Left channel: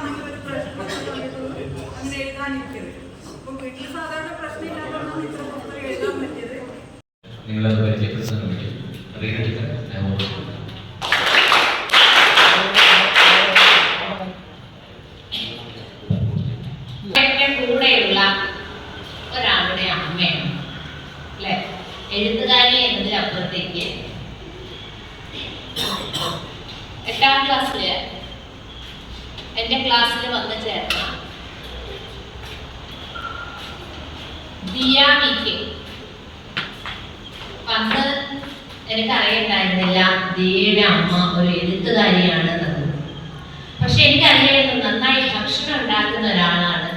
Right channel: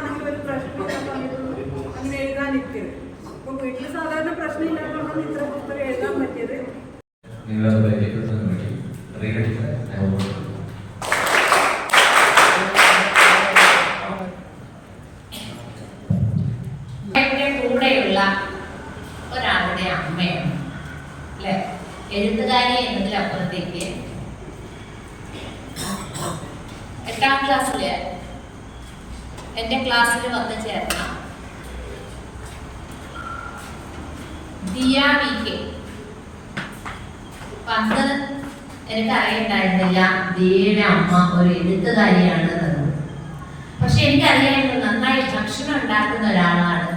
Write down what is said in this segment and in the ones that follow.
വീട്ടിലാണെങ്കിൽ ഒരു പ്രശ്നം അങ്ങനെ എഴുതാനിരിക്കരുത്. അപ്പം വീട്ടിൽ സാധാരണ പ്രശ്നമില്ലാത്തതാണ് ഇത്ര പുസ്തകം എഴുതാൻ പറ്റിയത്. നിങ്ങളത് കൂടെയുള്ള ഒരാളുടെ അമ്മയാണ്. അല്ലെ? എഴുത്തുകാരി എന്നതിനപ്പുറത്തേക്ക് എട്ടാം ക്ലാസ്സിൽ എന്റെ ക്ലാസ്സിൽ വന്ന് ചേർന്ന ദിയ വി കെ അപ്പൊ അന്ന് എനിക്ക് അറിയണ്ടായിരുന്നില്ല. ദിയയുടെ അമ്മ ഒരു എഴുത്തുകാരിയാണ് പക്ഷെ എനിക്കറിയായിരുന്നു നന്നായി ഭക്ഷണം ഉണ്ടാക്കുന്ന ഒരാളാണ്.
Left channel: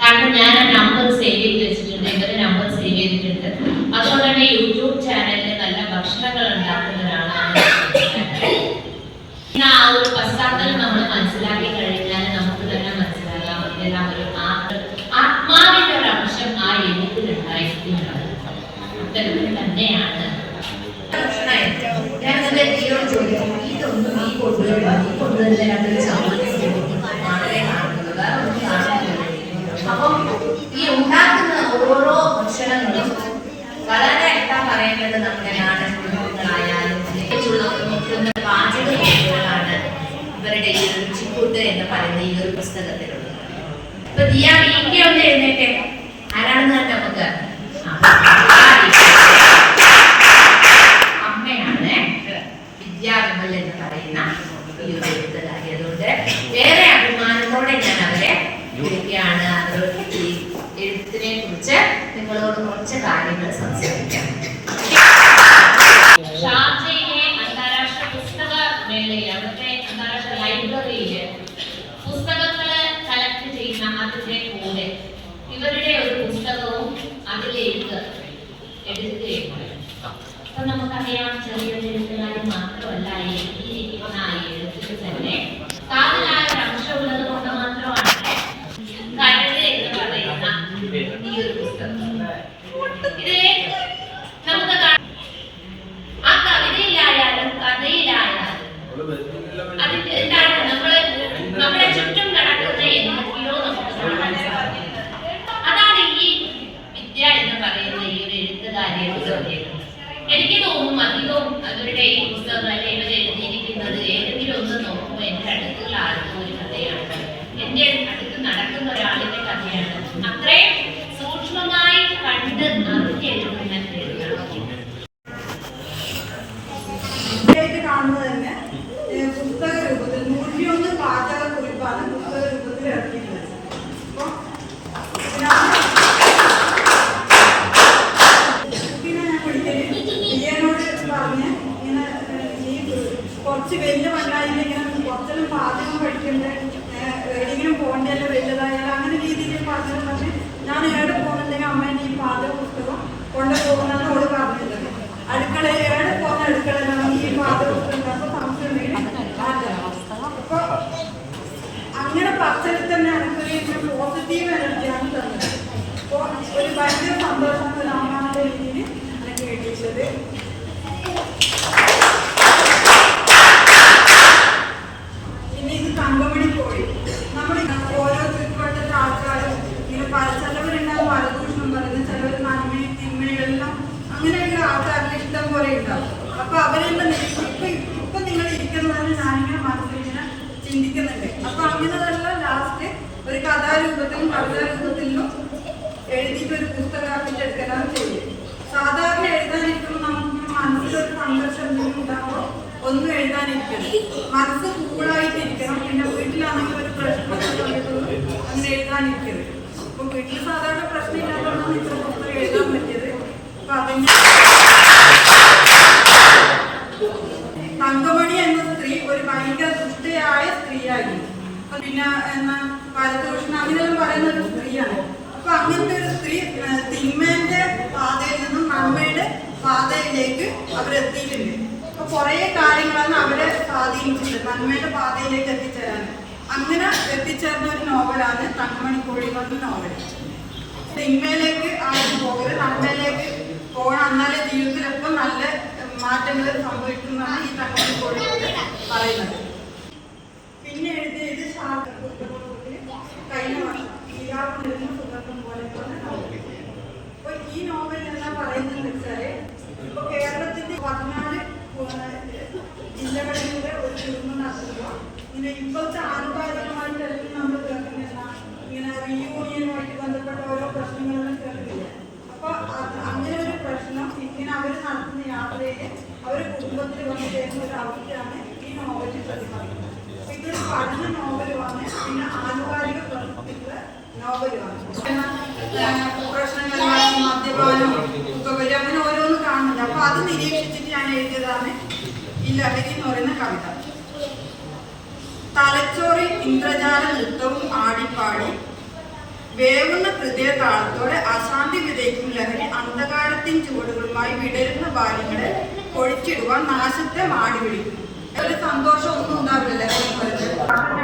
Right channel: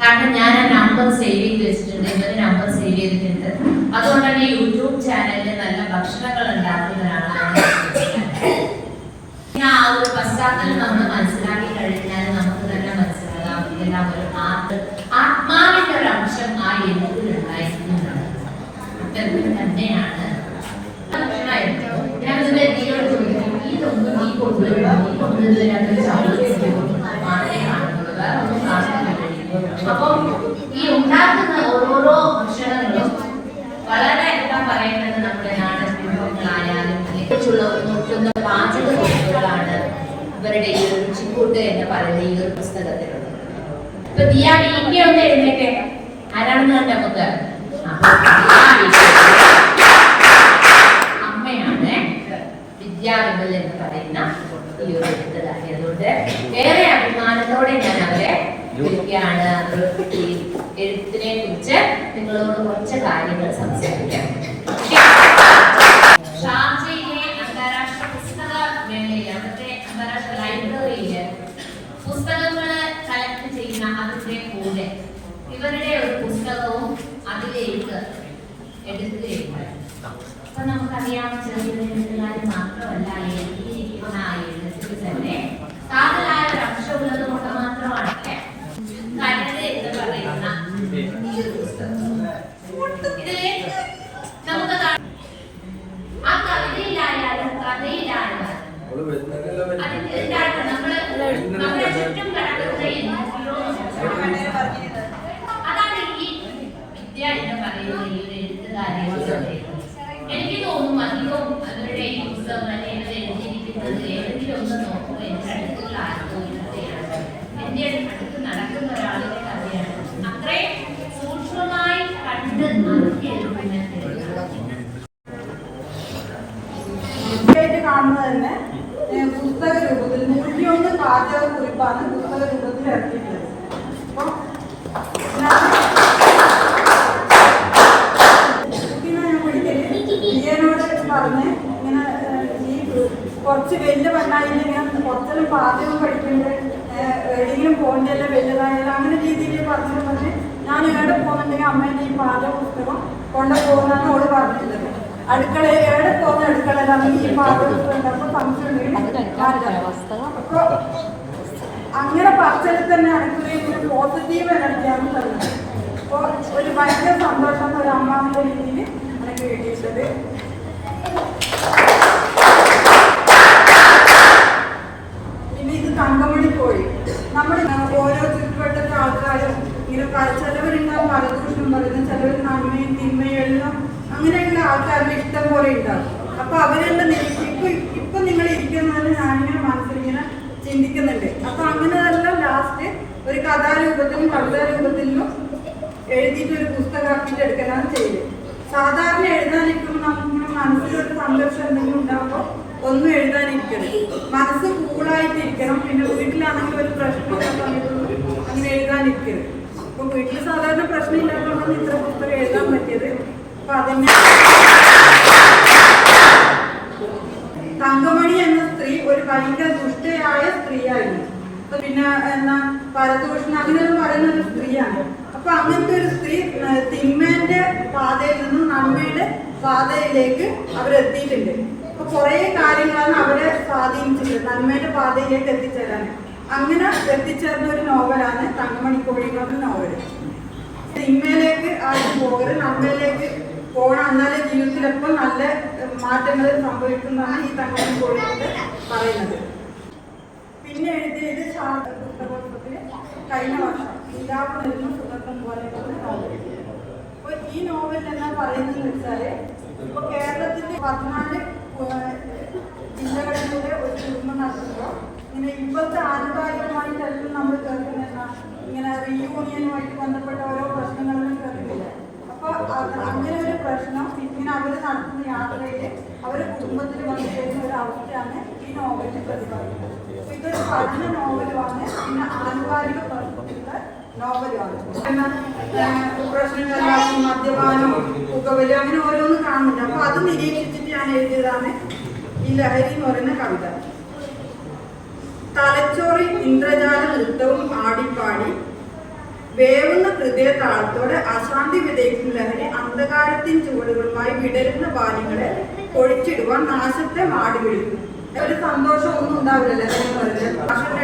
കാരണം ഞാൻ ആ നമ്പർ സേവ് ചെയ്ത് വെച്ചിട്ടുണ്ട്. ഇവരുടെ നമ്പർ സേവ് ചെയ്തിട്ടുണ്ട്. അതുകൊണ്ട് തന്നെ യൂട്യൂബ് ചാനലിൽ നല്ല ഭക്ഷണങ്ങൾ ഉണ്ടാക്കുന്ന ഒരാളാണ് ആ ഒരു പശ്ചാത്തലം നമ്മൾ മനസ്സിലാക്കി കുറിപ്പുകളാണ് ഇവരുടെ ഈ ഒരു ചിക്കൂട്ട് എന്ന് പറയുന്ന ഈ ഒരു പുസ്തകത്തിലുള്ളത്. എഴുന്നേറ്റേ. ആരാണെന്ന് കണ്ട നമുക്ക്? അമ്മയാണ് വിദ്യാവിമൽ എന്ന് പറയുന്ന ഈ ഒരു എഴുത്തുകാരി ഏറെ അഭിമാനത്തോടെ ഞാൻ അവരെ വിളിക്കുകയാണ്. അതുകൊണ്ട് എഴുത്തിനെ കുറിച്ച് നിങ്ങളോട് കുറച്ച് കാര്യങ്ങൾ സംസാരിക്കാം. പുസ്തകങ്ങൾ കളക്ട് ചെയ്യുന്ന അതിന്റെ കൂടെ ഇവരുടെ ഒരു പുസ്തകവും അതിലേക്ക് എടുക്കുകയുണ്ടായി. അപ്പൊ നമുക്കറിയാം ചെറിയൊരു എഴുത്തുകാർ മാത്രമല്ല എഴുതിയിരിക്കുന്ന ആ എഴുത്തിൽ തന്നെ. കാതലായ ഒരു അംശമുള്ളത് കൊണ്ട് മാത്രമാണ് കരട് എന്ന് പറയുന്ന ഈ ഒരു പുസ്തകം. ഇതിലെ നമുക്ക് ആ കവിതയിലായാലും കഥയിലായാലും അതിന്റെ എന്താണ് നമ്മൾ നമ്മുടെ ചുറ്റും നടക്കുന്ന എന്തൊക്കെയോ നമുക്ക് കാണാൻ സാധിക്കും അതാണ് ഈ വിദ്യ എന്ന് പറയുന്ന ഈ ഒരു എഴുത്തുകാരിയുടെ പ്രത്യേകത എനിക്ക് തോന്നും അധികം അവരുടെ ഈ പുസ്തകങ്ങൾ അല്ലെങ്കിൽ എഴുതിയിരിക്കുന്നത് ഏതെങ്കിലും ഒന്ന് നോക്കുമ്പോൾ എന്റെ അടുത്തുള്ള ആളുടെ ഒരു കഥയാണ്. എന്റെ അടുത്ത് നടക്കുന്ന ഒരാളിന്റെ കഥയാണ്. അത്രയും സൂക്ഷ്മമായി കണ്ട് അറിഞ്ഞെഴുതുന്ന പുസ്തക രൂപത്തിൽ നൂറ്റിയൊന്ന് പാചക കുറിപ്പാണ് പുസ്തക രൂപത്തിൽ ഇറക്കിയിട്ടുള്ളത് അപ്പം ഇതിനകത്ത് കുട്ടീനെ ഞാൻ വിളിക്കൽ ഇയ്യനോട് പറഞ്ഞ് ഇങ്ങനെ ഏഹ്, ഈ കുറച്ച് വലിയ പെണ്ണായില്ല ഇങ്ങനെ കുറച്ചെല്ലാം പാചകം പഠിക്കുന്നുണ്ട്. എവിടെയെങ്കിലും പോകണ്ടല്ലോ വലുതായാലും അങ്ങനെ രീതിയിൽ പറഞ്ഞു പക്ഷെ ഞാൻ എവിടെ പോകുന്നുണ്ടെങ്കിൽ അമ്മേന്റെ ഈ പാചക പുസ്തകം കൊണ്ടുപോകുന്നതാണ് അവൾ പറഞ്ഞിട്ടുള്ളത് അടുക്കളയിൽ എവിടെ പോകുന്ന അടുക്കളയിലാണ് ഈ പാചക പുസ്തകം ഉണ്ടാകുമ്പോൾ സംശയം ഉണ്ടെങ്കിൽ മാറ്റാം. അപ്പൊ അങ്ങനെ പച്ചരി തന്നെ എനിക്കൊരു ഒരു പോസിറ്റീവ് എനർജിയാണ് തന്നത്. അപ്പോൾ ഒരു ഭയങ്കര സന്തോഷം ഒരു അമ്മാവിന്റെ രീതിയിൽ എനിക്ക് കിട്ടിയിട്ടുള്ളത് ഇഷ്ടം പോലെ ഉണ്ടാവും അപ്പൊ അവരെല്ലാം ഇപ്പൊ ഇപ്പൊ നിങ്ങൾ ഇരിക്കുന്നതെന്ന് ഞാനിങ്ങനെ മനസ്സിലിങ്ങനെ ചിന്തിക്കുന്നുണ്ട്. അപ്പൊ അങ്ങനെയല്ല ലാസ്റ്റ് ഒരു കഥാരൂപത്തിലും കവിതാ രൂപത്തിലും എഴുതിയിട്ട് ഒരു പുസ്തകമാക്കിയിട്ട് എടുക്കലാണ് ചെയ്യുന്നത് സാധാരണ എഴുതാനിരിക്കുമ്പോൾ നമുക്കിങ്ങനെ മനസ്സിലൊരു സംഘർഷം എന്തെങ്കിലും ഉണ്ടാകുമ്പോൾ ഒന്നും എഴുതാനിരിക്കരുത്. മനസ്സ് കൂളായിട്ടിരിക്കണം. പിന്നെ വീട്ടിലാണെങ്കിൽ ഒരു പ്രശ്നം അങ്ങനെ എഴുതാനിരിക്കരുത്. അപ്പൊ വീട്ടിൽ സാധാരണ പ്രശ്നമില്ലാത്തതുകൊണ്ടാണ് ഇത്ര പുസ്തകം എഴുതാൻ പറ്റിയത് അപ്പൊ അതന്നെ തങ്കമണി എന്ന സ്ത്രീ ഒരു ഭയങ്കര ദുഷ്ടയായ സ്ത്രീയായിരുന്നു അപ്പൊ പിന്നെ എന്നാ പരദൂഷണം അങ്ങനെയെല്ലാം പറയുന്ന ഒരു സ്ത്രീയാണ്. അപ്പൊ അങ്ങനത്തെ ഒരു സ്ത്രീ തിന്മേന്റെ പാതയിൽ നിന്നും നന്മയുടെ പാതയിലേക്ക് അവരെത്തിയിട്ടുണ്ട്. അപ്പൊ കുറെ കാര്യങ്ങളാണ് അവരെ സ്വാധീനിച്ചിട്ടുണ്ട് നന്മയുടെ പാതയിലേക്ക് എത്തിച്ചേരാൻ. അങ്ങനെ എത്തിച്ചേർന്ന ഒരു നോവലാണ് തങ്കമണി കോഴി എന്ന് പറഞ്ഞ നോവൽ തിന്മയിലേക്ക് ആരും പോകരുത് നന്മയിലേക്ക് പോകണം. എന്നാലേ ജീവിതത്തിലെപ്പോൾ നല്ല മാറ്റങ്ങൾ സംഭവിക്കുന്നതാണ് ഈ തങ്കമണി കോഴിക്കോട് പറയുന്നത്. പിന്നെ എഴുതിയത് ശാ- പുസ്തകോത്സവത്തിൽ കഴിഞ്ഞ വർഷം ഈരാവ് നൽകുന്ന സുഗന്ധം പോലെ അപ്പൊ ഈ നോവൽ എന്നാ പറയുന്നത് വെച്ചാൽ ഇപ്പൊ കേരളത്തിന്റെ പതിനാല് ജില്ലകളിലൂടെ ഒരു കുടുംബം നടത്തുമ്പോൾ ഇങ്ങനെ ഇപ്പോഴത്തെ ആനുകാലികമായിട്ടെല്ലാം നമ്മൾ കേൾക്കുന്ന ഇങ്ങനെ റീയൂണിയനുമായിട്ട് ബന്ധപ്പെട്ട ഓരോ പ്രശ്നങ്ങളെല്ലാം കേൾക്കുന്നില്ല? അപ്പൊ അത് അങ്ങനെ ഒരു പ്രശ്നം ഇങ്ങനെ അവർ നടത്തുന്ന യാത്രയിൽ അവരുടെ കുടുംബത്തിൽ വന്നു ചേരുന്ന ഒരു അവസ്ഥയാണ് ഈ നോവലിൽ പ്രതിപാദിക്കുന്നത് അപ്പൊ ഇതൊരു പഠന നോവലുമാണ് പിന്നെ ആനുകാലിക ഏഹ്, പ്രശ്നങ്ങളിലാക്കി മദ്യപാനം പുകവലി അങ്ങനെ ഓരോന്ന് കാണുന്നില്ല അപ്പൊ അത് നിരീക്ഷിച്ചിട്ട് ഞാൻ എഴുതിയതാണ് ഈ ലഹരി എന്ന് പറയുന്ന കവിത. തലച്ചോറിൽ ഇന്ദ്രജാല നൃത്തവും ആടിപ്പാടി വേവുന്ന ഹൃദയ താളത്തോടെ അശാന്തി വിതയ്ക്കും ലഹരി അന്ധകാരത്തിൻ ചുവടുകളുമായി വിടരുന്ന ബാലികളെ ഒഴിച്ചിടുവാൻ നാശത്തെ മാടി വിളിക്കുന്നു. ഒരു സന്തോഷം ഒന്നും ഉണ്ടാവില്ല പറയുന്നത്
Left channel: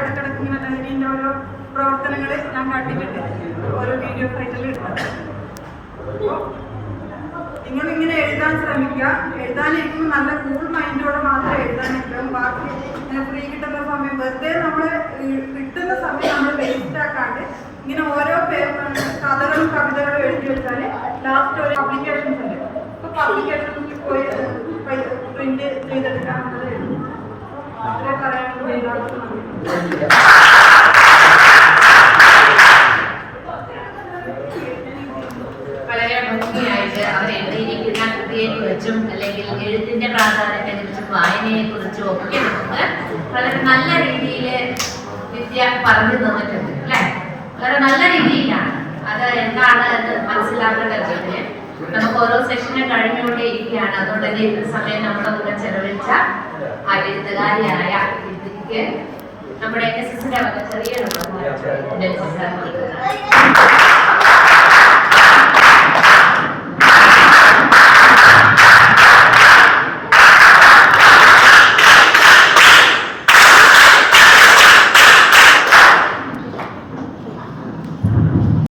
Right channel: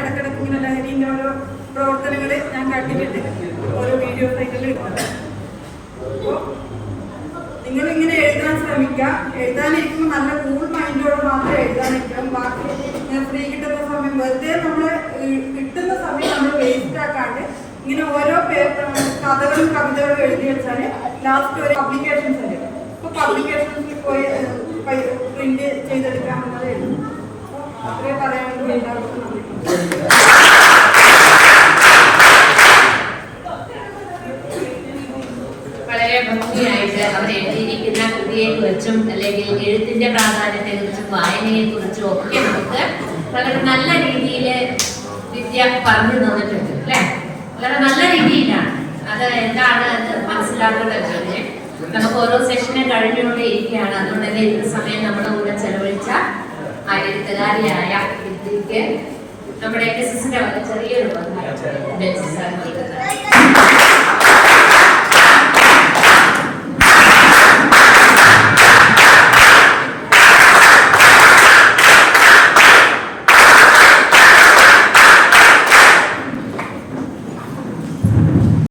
ഇടക്കിടക്ക് ഇങ്ങനെ ലഹരിന്റെ ഓരോ പ്രവർത്തനങ്ങൾ ഞാൻ കണ്ടിട്ടുണ്ട്. ഓരോ വീഡിയോ അപ്പോൾ നിങ്ങൾ ഇങ്ങനെ എഴുതാൻ ശ്രമിക്കുക. എഴുതാനിരിക്കുമ്പോൾ നല്ല കൂൾ മൈൻഡോടെ മാത്രം എഴുതാനിരിക്കാം ബാക്കി ഫ്രീ കിട്ടുന്ന സമയം വെറുതെ നമ്മൾ കിട്ടുന്ന സമയം നമ്മൾ വേസ്റ്റ് ആക്കാണ്ട് ഇങ്ങനെ ഓരോ പേപ്പർ കഥകളും കവിതകളും എഴുതി വെച്ചാൽ ലാസ്റ്റ് ഒരു പബ്ലിക്കേഷൻസ് ഉണ്ട്. അപ്പോൾ പബ്ലിക്കേഷൻസിൽ പോയി പ്രിന്റ് എഴുതും അപ്പോൾ അത്രേ പറയാനുള്ളൂ. എല്ലാവർക്കും നന്ദി. കുറിച്ചും അല്ലെങ്കിൽ എഴുത്തിന്റെ പ്രാധാന്യത്തെ കുറിച്ചും വായനയെ കുറിച്ചും ഒക്കെ നമുക്ക് വളരെ നല്ല രീതിയിൽ വിദ്യ പറഞ്ഞു തന്നിട്ടുണ്ട് അല്ലെ? വളരെ നല്ല രീതിയിലാണ്. അത് എന്താണ് അത് മനസ്സിലാക്കേണ്ടത് ഓരോ സെഷനും കഴിഞ്ഞുകൊണ്ടേ ഇരിക്കുകയാണ് അതുകൊണ്ട് തന്നെ ഇത്ര സമയം നമ്മുടെ കൂടെ ചെലവഴിച്ച ആ എഴുത്തുകാരിയായ വിദ്യക്ക് നമ്മുടെ എസ് എസിന്റെ വക ചെറിയൊരു ബെൻസി സാർ നൽകുന്നതാണ്